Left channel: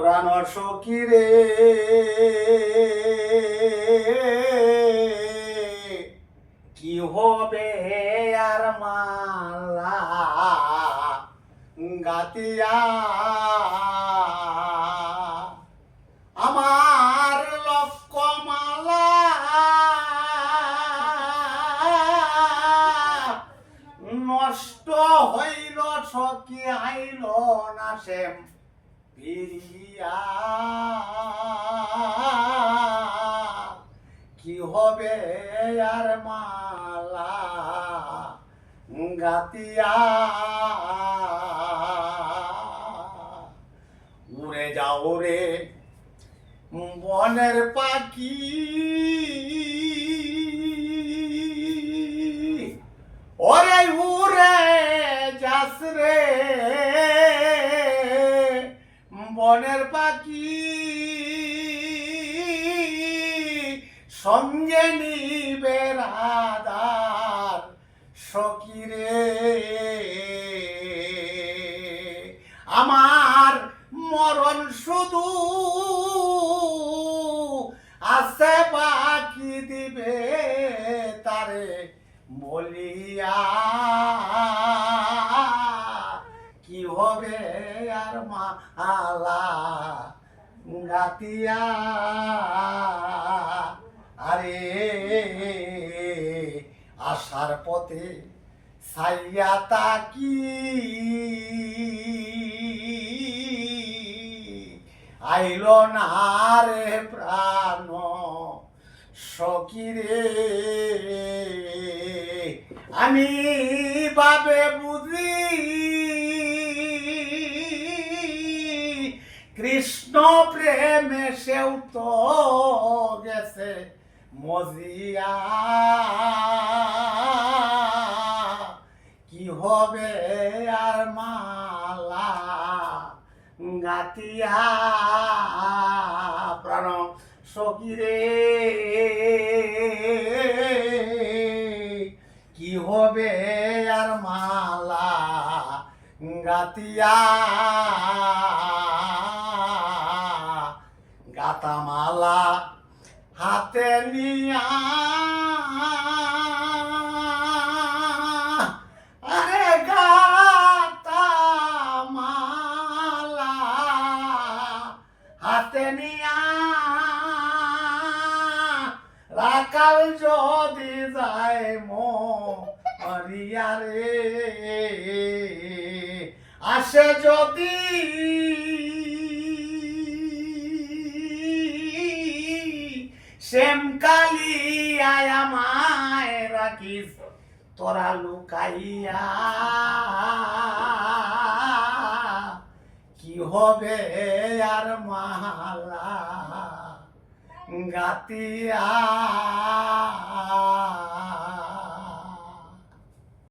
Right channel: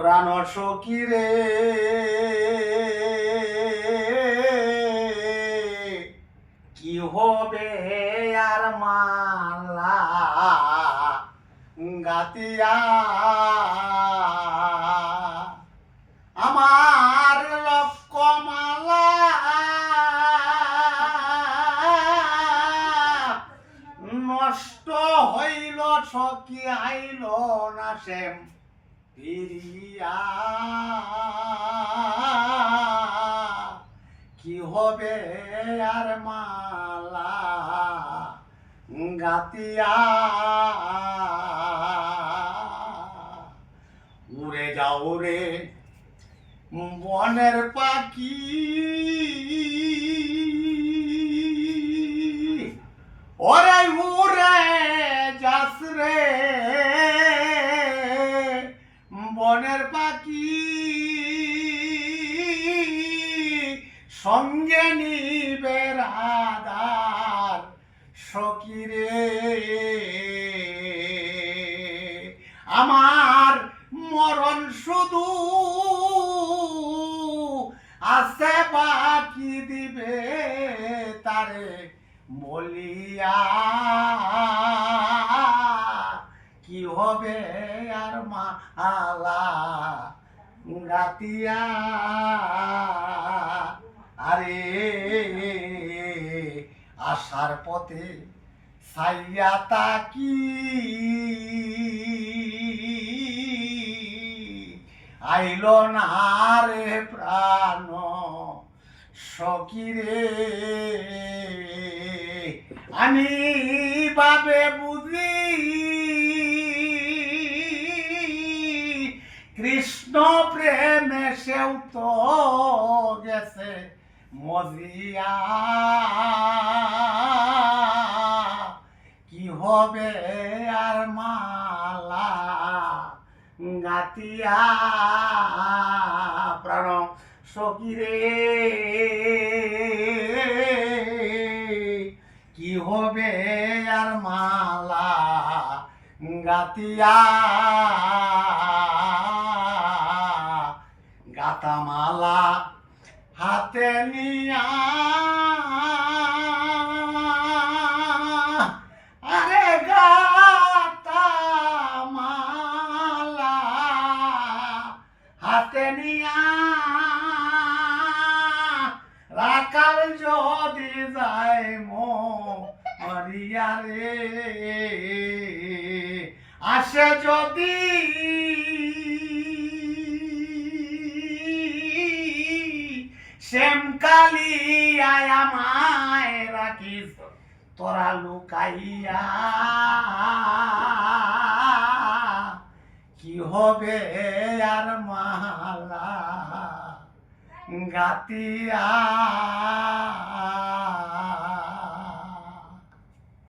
প্রাণ সখী রে কি হবে আর মালা গাতিয়া আমার লক্ষ্যমালা নষ্ট হইল সখী আইল না সেম ফিরিয়া কি হবে আর মালা গাতিয়া উড়ে যাও রে বনের পাখি ওরে উড়ে যাস রে বনের পাখি সঙ্গে নিবে রাধার সখী রে আমার মরণ শুধু আছে বাকি দিবে তারে বলিয়া কি হবে আর মালা গাতিয়া আরে আসার পথে সাইয়া তাকি আইল না রে প্রাণ সখী রে আমি বাবে বুঝি কৃষ্ণ প্রেমে সেও তো গেছে মজিয়া কি হবে আর মালা গাতিয়া প্রাণ সখী রে কি হবে আর মালা গাতিয়া গাতা মালা হাতে নিয়া আরে গাতা মালা হাতে নিয়া রাখাল যদি যায় মরিয়া রে আসে যদি শ্যাম কালিয়ায় আমায় রাখিস তোরা লুকাইয়া কি হবে আর মালা গাতিয়া